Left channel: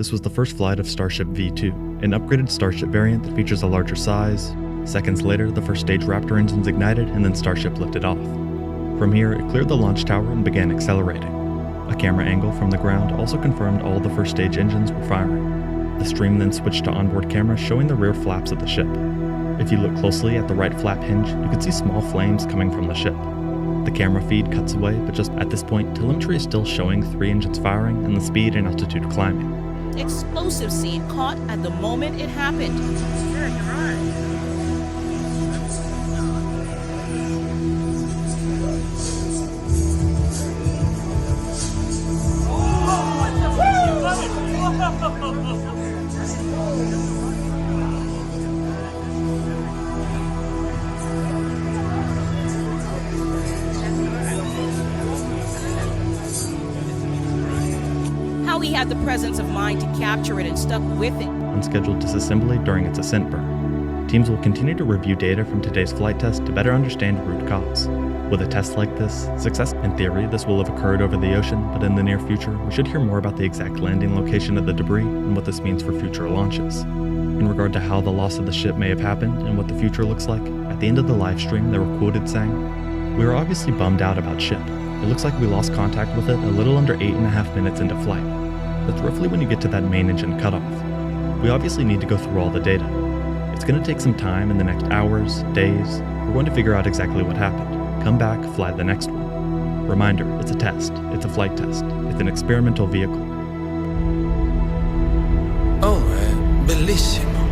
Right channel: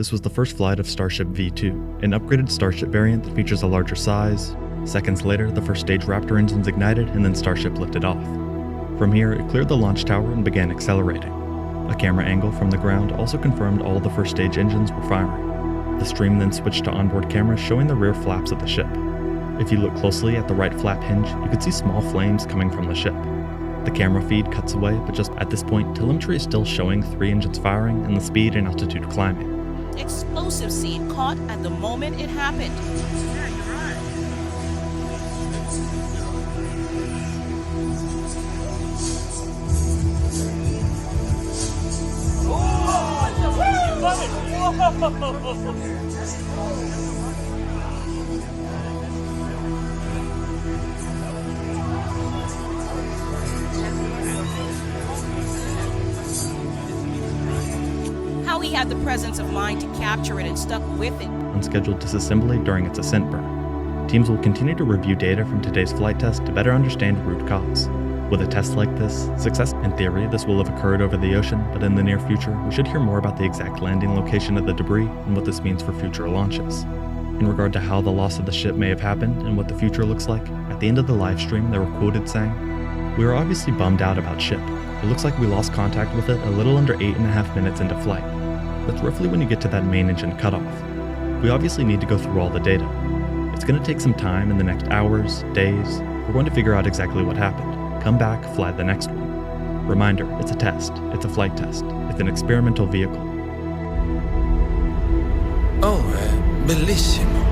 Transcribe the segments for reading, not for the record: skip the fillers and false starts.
this was the first flight of Starship V2, an upgraded Starship variant that features a larger size. Seconds later, the first stage Raptor engines ignited and then Starship lifted off. From here, it cleared the launch tower and began accelerating. A camera angle from the ground also confirmed all the first stage engines were firing. The stream then switched to onboard cameras showing the rear flaps of the ship. If you look closely at the right flap hinge, you could see small flames coming from the ship. The camera feed cuts away, but just at this point, telemetry is still showing 3 engines firing and the speed and altitude climbing. Explosive seed caught at the moment it happened. Yeah, you're right. How he had the presence of mind to capture it and stuck with it. Unscheduled disassembly during its ascent burn. Teams will continue to review data from today's flight test to better understand root cause. With a test like this, success in theory, this will have occurred over the ocean, but in the near future, we should hear more about the exact landing location of the debris and what this means for future launches. In regard to how the loss of the ship may have happened and what the future looks like, at the end of the live stream, they were quoted saying, "We were obviously bummed out about ship. It looks like we lost contact with it a little under 8.5 minutes into flight. That's roughly when you get to that main engine cutoff. We obviously need to go through all the data. It's going to take some time in the next hours, days. We're going to figure out exactly what happened. Come back, fly the next one. Reminder, it's a test. It's a flight test. It's an experimental vehicle." Oh, è bellissimo.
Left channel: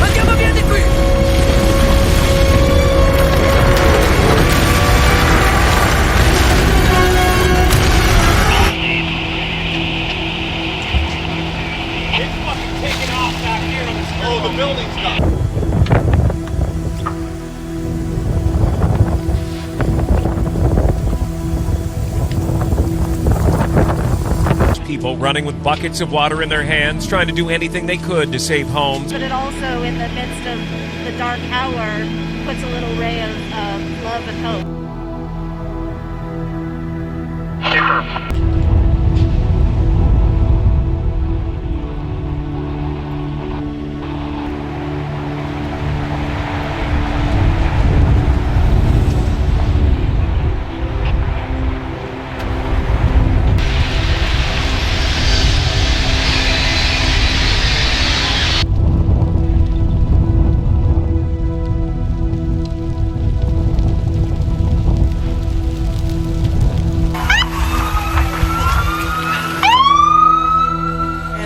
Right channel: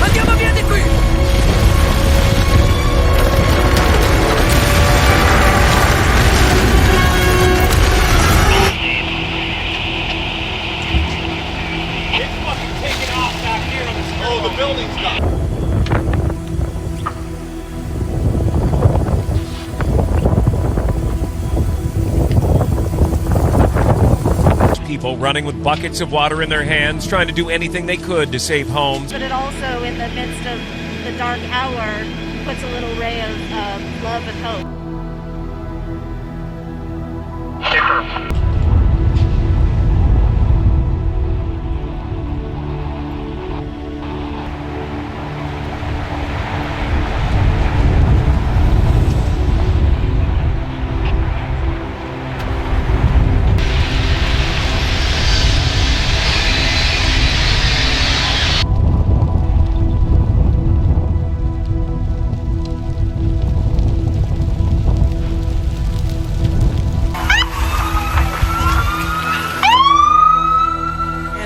Andiamo via di qui! It's fucking taking off back here on the Oh, the building's done. People running with buckets of water in their hands, trying to do anything they could to save homes. But it also, in the midst of the dark hour, puts a little ray of love and hope.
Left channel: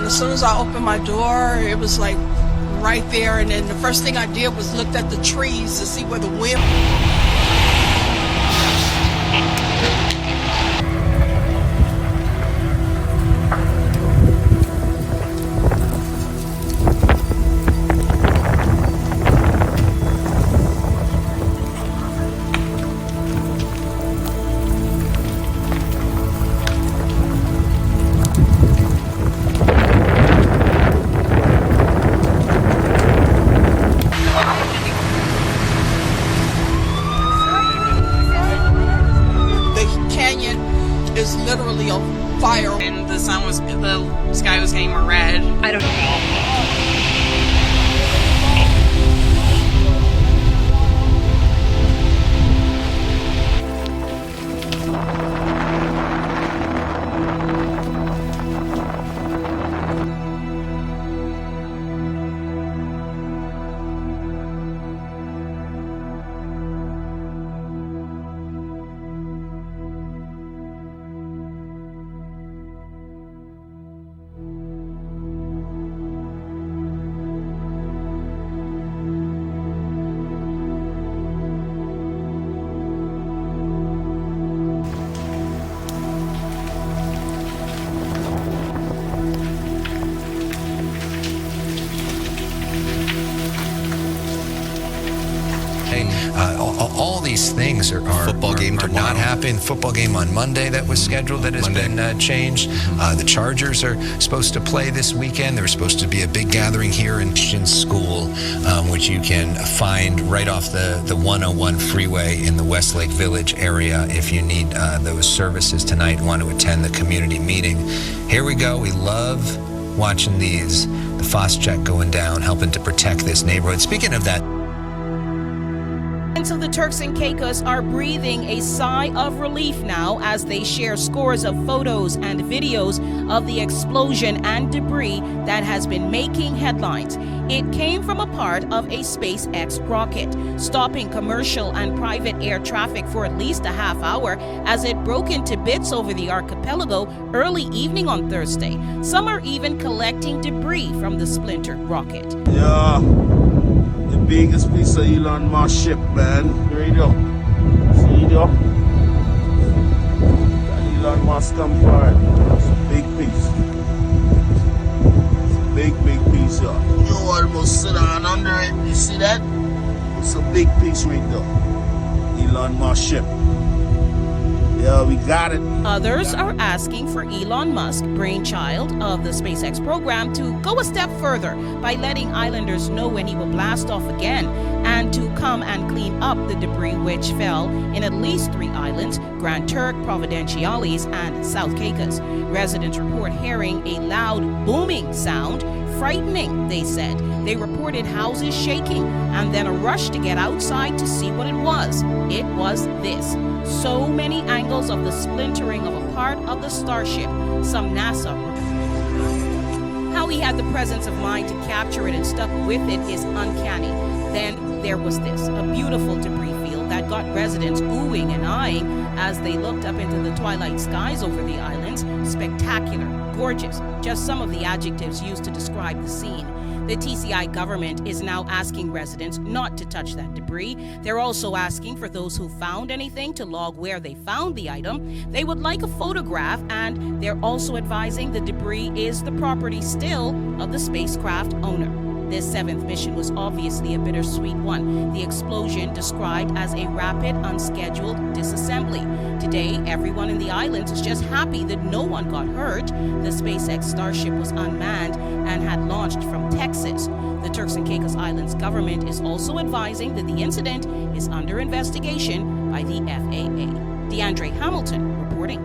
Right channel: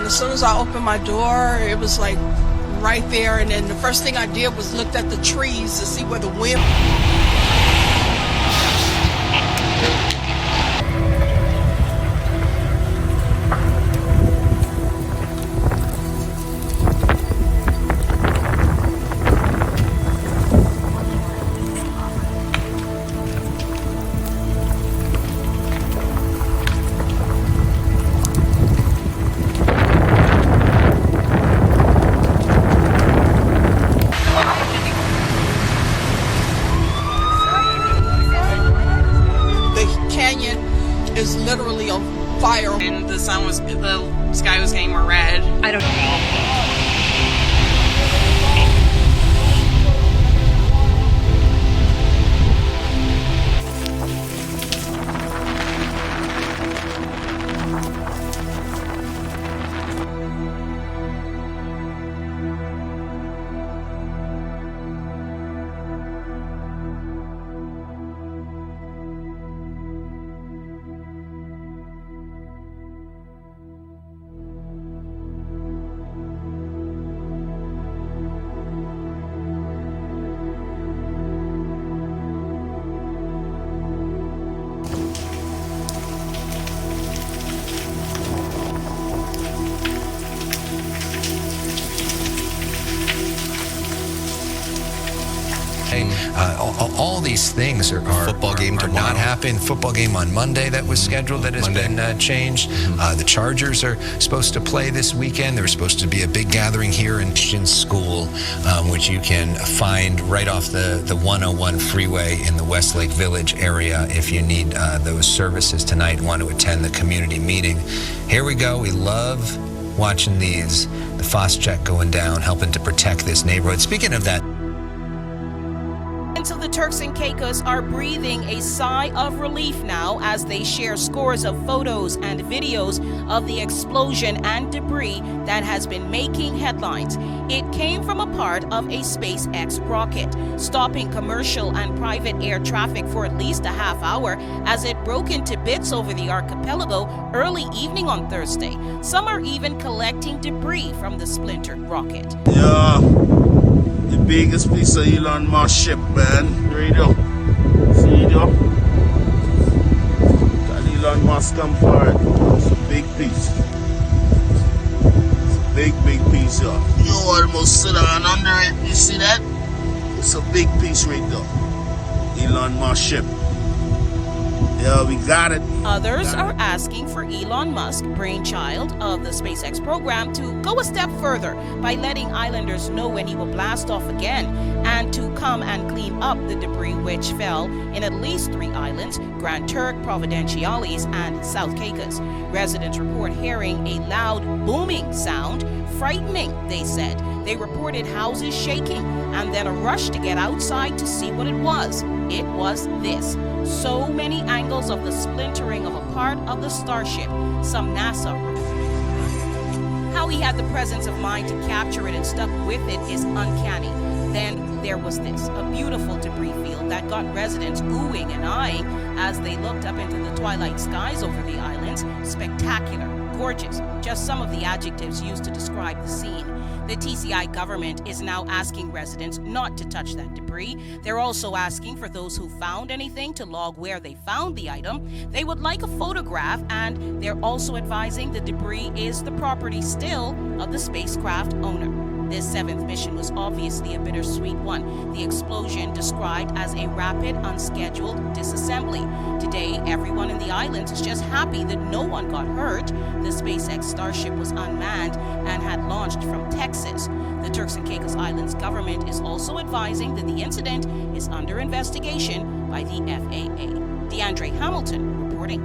As soon as I opened my door, it was like right there, and then the first thing I did was looked at the trees to see where the wind. Is literally on fire, and the sky was getting more red. I don't know. these things are football game are tomorrow. not happening. Football game on Monday that was scheduled that has been changed. The Chargers are supposed to play this weekend. There was supposed to be a big gathering here in School, which you can find right off the 101 freeway in the Westlake Village area if you need those services tonight and want to attend the community meeting. Here we go. We love watching these. The Phos-Check going down, helping to protect this neighborhood. Speaking of that, So the Turks and Caicos are breathing a sigh of relief now as they share scores of photos and videos of the explosion and debris that has been making headlines. It came from a part of a SpaceX rocket, stopping commercial and private air traffic for at least a half hour as it broke into bits over the archipelago early evening on Thursday. Some are even collecting debris from the splintered rocket. Yeah. The biggest piece of Elon Musk ship, man. Radio. See it, Got Elon Musk come for it. It's a big piece. It's a big piece, yeah. You almost sit down under it. You see that? It's a big piece right there. Elon Musk ship. Yeah, we got it. Others are asking for Elon Musk, brainchild of the SpaceX program, to go a step further by letting islanders know when he will blast off again and to come and clean up the debris which fell in at least 3 islands, Grand Turk, Providenciales, and South Caicos. Residents report hearing a loud booming sound, frightening, they said. They reported houses shaking and then a rush to get outside to see what it was. It was this. So many angles of the splintering of a part of the Starship, some NASA. How he had the presence of mind to capture it and stuck with it is uncanny. Then there was this, a beautiful debris field that got residents oohing and eyeing as they looked up into the twilight skies over the islands. Spectacular, gorgeous, just some of the adjectives used to describe the scene. The TCI government is now asking residents not to touch that debris. They're also asking for those who found anything to log where they found the item. They would like a photograph, and they're also advising the debris is the property still of the spacecraft owner. This 7th mission was obviously a bittersweet one. The explosion described as a rapid, unscheduled disassembly. Today, everyone in the islands is just happy that no one got hurt. The SpaceX Starship was unmanned and had launched from Texas. The Turks and Caicos Islands government is also advising that the incident is under investigation by the FAA. DeAndre Hamilton reporting.